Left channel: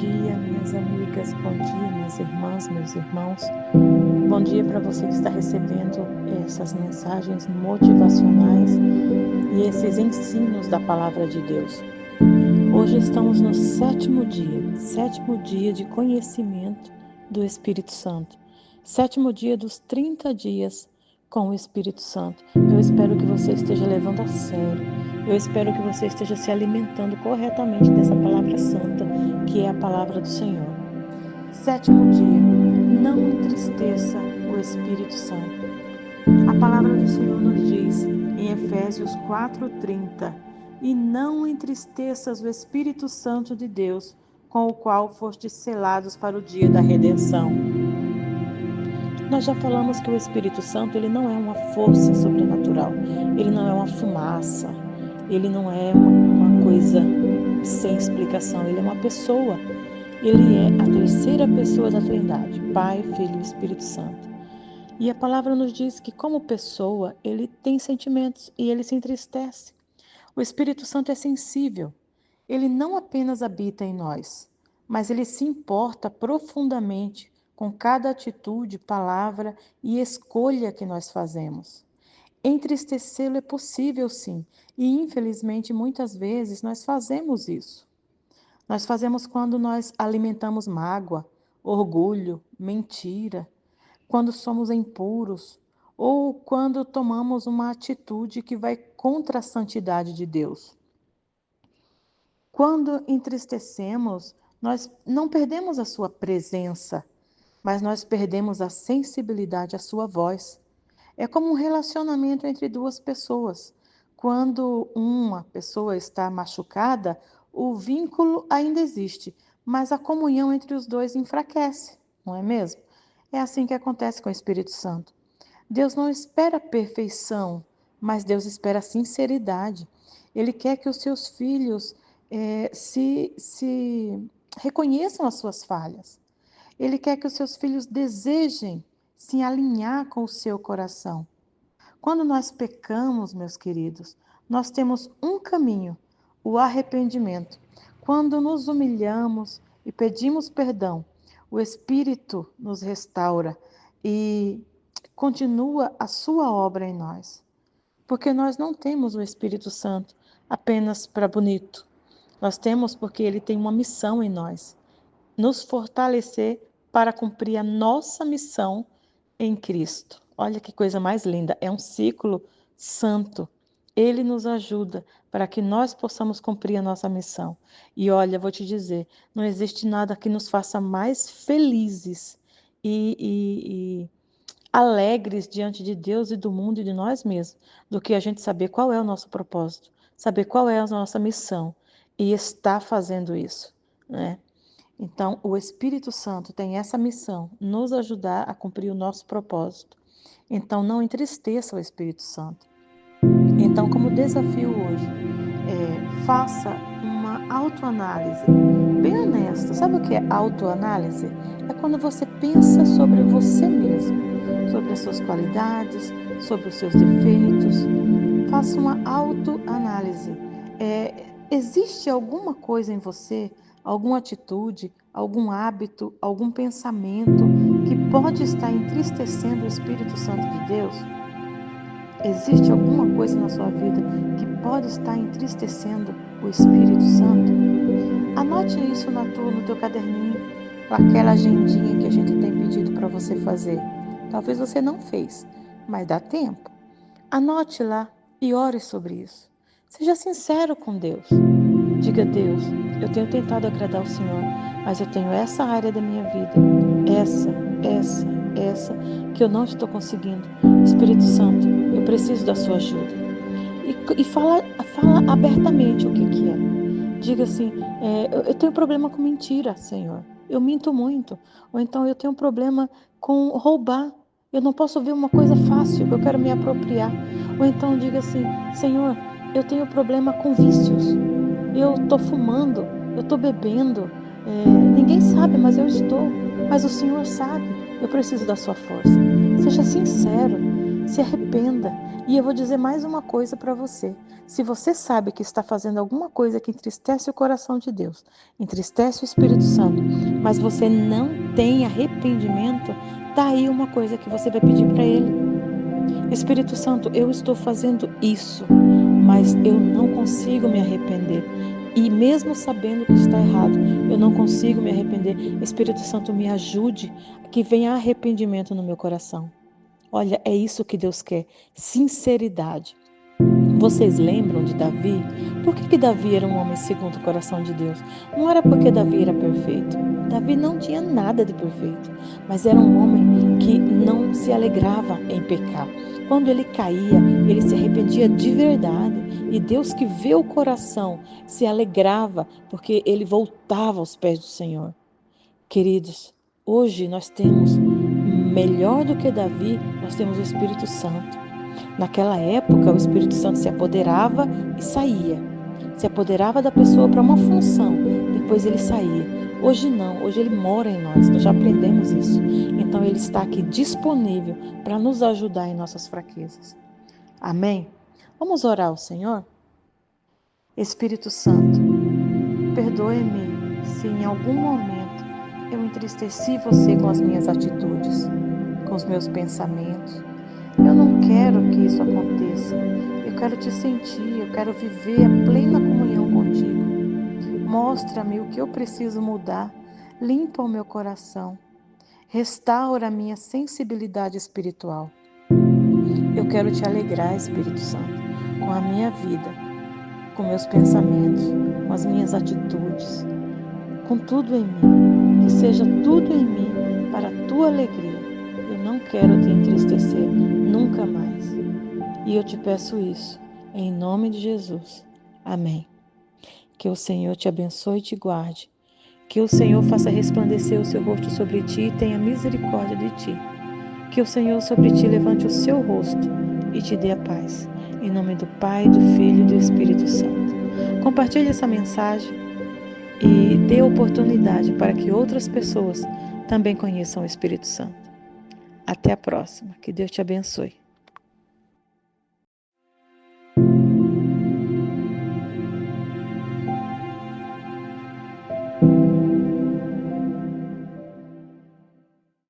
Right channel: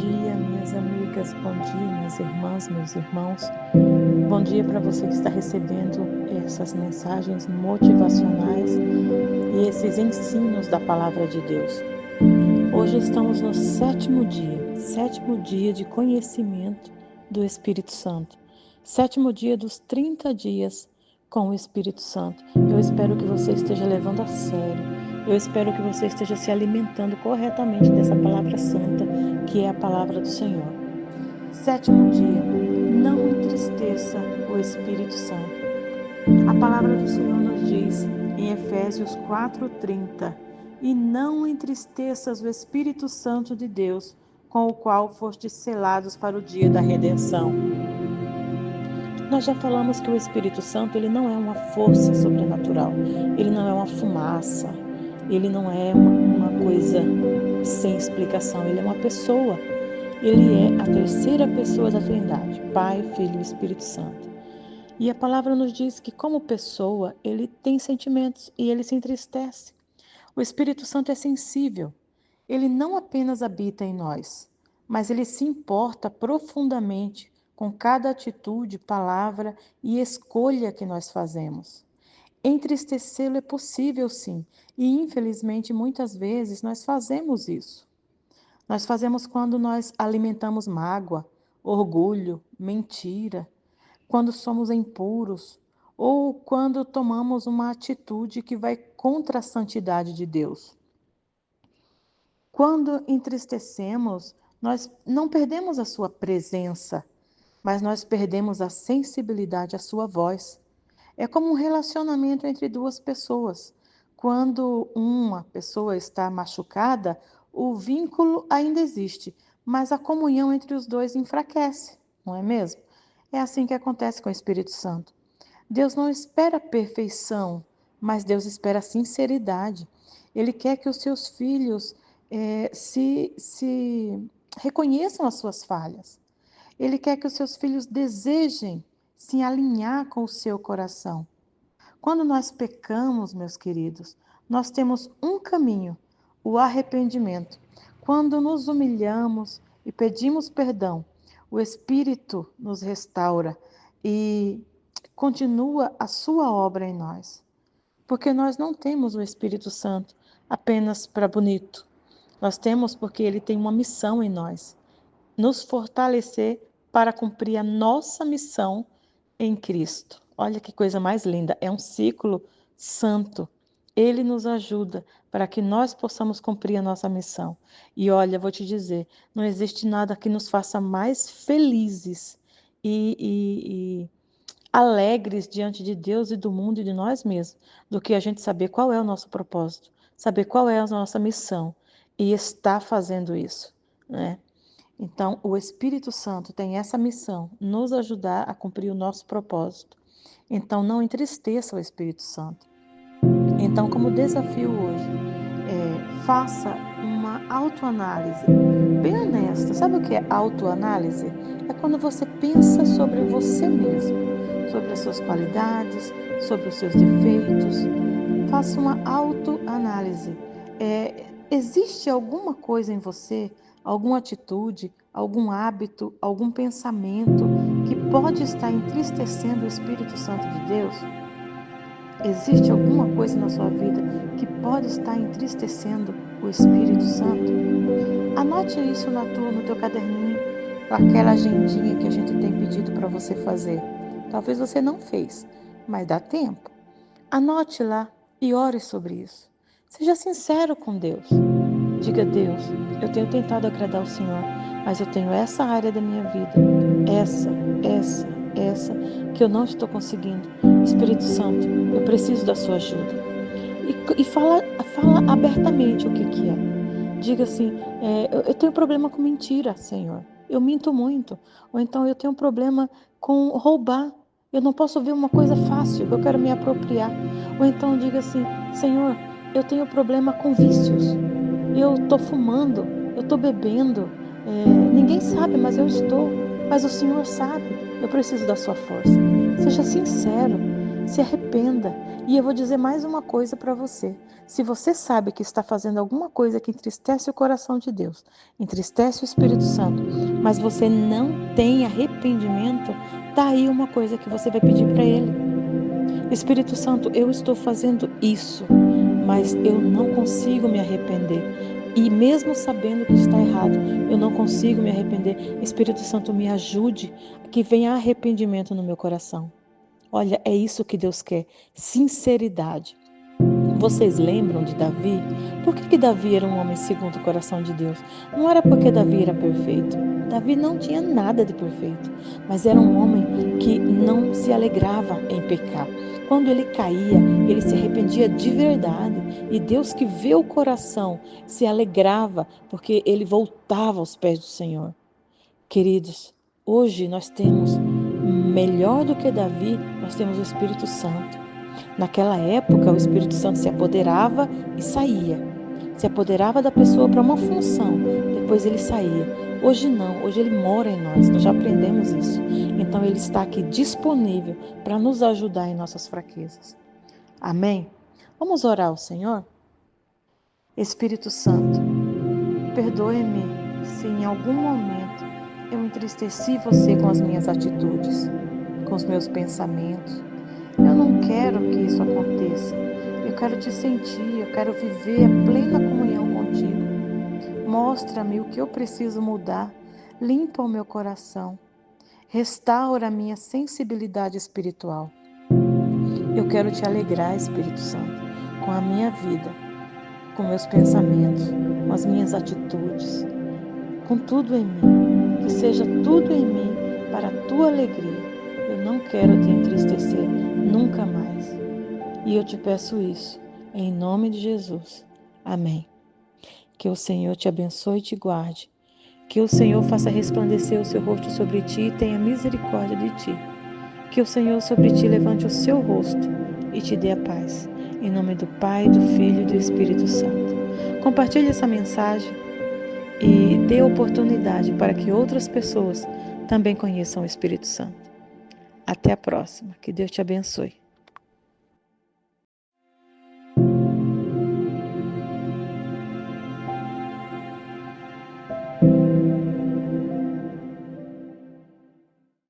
dia, minhas amigas, bom dia, minhas irmãs, meus irmãos. Bom dia para você que está recebendo essas mensagens motivacionais e esses ensinos da Palavra de Deus. Hoje estamos no sétimo dia de conhecimento do Espírito Santo. Sétimo dia dos 30 dias com o Espírito Santo. Eu espero que você esteja levando a sério. Eu espero que você esteja se alimentando corretamente dessa palavra santa, que é a palavra do Senhor. Sétimo dia, não entristeça o Espírito Santo. A palavra do Senhor nos diz em Efésios 4:30: e não entristeças o Espírito Santo de Deus, com o qual fostes selados para o dia da redenção. Nós já falamos que o Espírito Santo ele não é uma força sobrenatural, ele não é uma fumaça, ele não é uma coisa sem explicação, ele é uma pessoa. Ele é a terceira pessoa da Trindade, Pai, Filho e Espírito Santo. E a palavra nos diz que como pessoa, ele tem sentimentos e ele se entristece. O Espírito Santo é sensível. Ele não apenas habita em nós, mas ele se importa profundamente com cada atitude, palavra e escolha que nós fazemos. Entristecê-lo é possível, sim, e infelizmente muitas vezes nós fazemos isso. Nós fazemos quando nós alimentamos mágoa, orgulho, mentira, quando somos impuros ou quando tomamos uma atitude que vai contra a santidade de Deus. Quando entristecemos, nós não perdemos a sua presença, mas nós perdemos a sensibilidade à sua voz. É como um relacionamento entre duas pessoas. Quando uma pessoa está machucada, o vínculo ainda existe, mas a comunhão entre os dois enfraquece, não é mesmo? É assim que acontece com o Espírito Santo. Deus não espera perfeição, mas Deus espera sinceridade. Ele quer que os seus filhos se reconheçam as suas falhas. Ele quer que os seus filhos desejem se alinhar com o seu coração. Quando nós pecamos, meus queridos, nós temos um caminho, o arrependimento. Quando nos humilhamos e pedimos perdão, o Espírito nos restaura e continua a sua obra em nós. Porque nós não temos o Espírito Santo apenas para bonito. Nós temos porque ele tem uma missão em nós, nos fortalecer para cumprir a nossa missão em Cristo. Olha que coisa mais linda, é um ciclo santo. Ele nos ajuda para que nós possamos cumprir a nossa missão. E olha, vou te dizer, não existe nada que nos faça mais felizes e alegres diante de Deus e do mundo e de nós mesmos, do que a gente saber qual é o nosso propósito, saber qual é a nossa missão e estar fazendo isso, né? Então, o Espírito Santo tem essa missão, nos ajudar a cumprir o nosso propósito. Então, não entristeça o Espírito Santo. Então, como desafio hoje, faça uma autoanálise bem honesta. Sabe o que é autoanálise? É quando você pensa sobre você mesmo, sobre as suas qualidades, sobre os seus defeitos. Faça uma autoanálise. Existe alguma coisa em você, alguma atitude, algum hábito, algum pensamento que pode estar entristecendo o Espírito Santo de Deus? Existe alguma coisa na sua vida que pode estar entristecendo o Espírito Santo? Anote isso no teu caderninho, aquela agendinha que a gente tem pedido para você fazer. Talvez você não fez, mas dá tempo. Anote lá e ore sobre isso. Seja sincero com Deus. Diga: Deus, eu tenho tentado agradar o Senhor, mas eu tenho essa área da minha vida, essa, que eu não estou conseguindo. Espírito Santo, eu preciso da sua ajuda. E fala abertamente o que é. Diga assim: eu tenho problema com mentira, Senhor. Eu minto muito. Ou então eu tenho problema com roubar. Eu não posso ver uma coisa fácil, que eu quero me apropriar. Ou então diga assim: Senhor, eu tenho problema com vícios. Eu estou fumando, eu estou bebendo. Ninguém sabe, mas eu estou. Mas o Senhor sabe. Eu preciso da sua força. Seja sincero. Se arrependa. E eu vou dizer mais uma coisa para você. Se você sabe que está fazendo alguma coisa que entristece o coração de Deus, entristece o Espírito Santo, mas você não tem arrependimento, tá aí uma coisa que você vai pedir para Ele. Espírito Santo, eu estou fazendo isso, mas eu não consigo me arrepender. E mesmo sabendo que está errado, eu não consigo me arrepender. Espírito Santo, me ajude, que venha arrependimento no meu coração. Olha, é isso que Deus quer, sinceridade. Vocês lembram de Davi? Por que Davi era um homem segundo o coração de Deus? Não era porque Davi era perfeito. Davi não tinha nada de perfeito, mas era um homem que não se alegrava em pecar. Quando ele caía, ele se arrependia de verdade. E Deus, que vê o coração, se alegrava porque ele voltava aos pés do Senhor. Queridos, hoje nós temos, melhor do que Davi, nós temos o Espírito Santo. Naquela época, o Espírito Santo se apoderava e saía. Se apoderava da pessoa para uma função, depois ele saía. Hoje não, hoje ele mora em nós já aprendemos isso. Então ele está aqui disponível para nos ajudar em nossas fraquezas. Amém? Vamos orar ao Senhor? Espírito Santo, perdoe-me se em algum momento eu entristeci você com as minhas atitudes, com os meus pensamentos. Eu não quero que isso aconteça. Eu quero te sentir, eu quero viver a plena comunhão contigo. Mostra-me o que eu preciso mudar, limpa o meu coração, restaura a minha sensibilidade espiritual. Eu quero te alegrar, Espírito Santo, com a minha vida, com meus pensamentos, com as minhas atitudes, com tudo em mim, que seja tudo em mim para a tua alegria. Eu não quero te entristecer nunca mais. E eu te peço isso, em nome de Jesus. Amém. Que o Senhor te abençoe e te guarde. Que o Senhor faça resplandecer o seu rosto sobre ti e tenha misericórdia de ti. Que o Senhor sobre ti levante o seu rosto e te dê a paz. Em nome do Pai, do Filho e do Espírito Santo. Compartilhe essa mensagem e dê oportunidade para que outras pessoas também conheçam o Espírito Santo. Até a próxima. Que Deus te abençoe.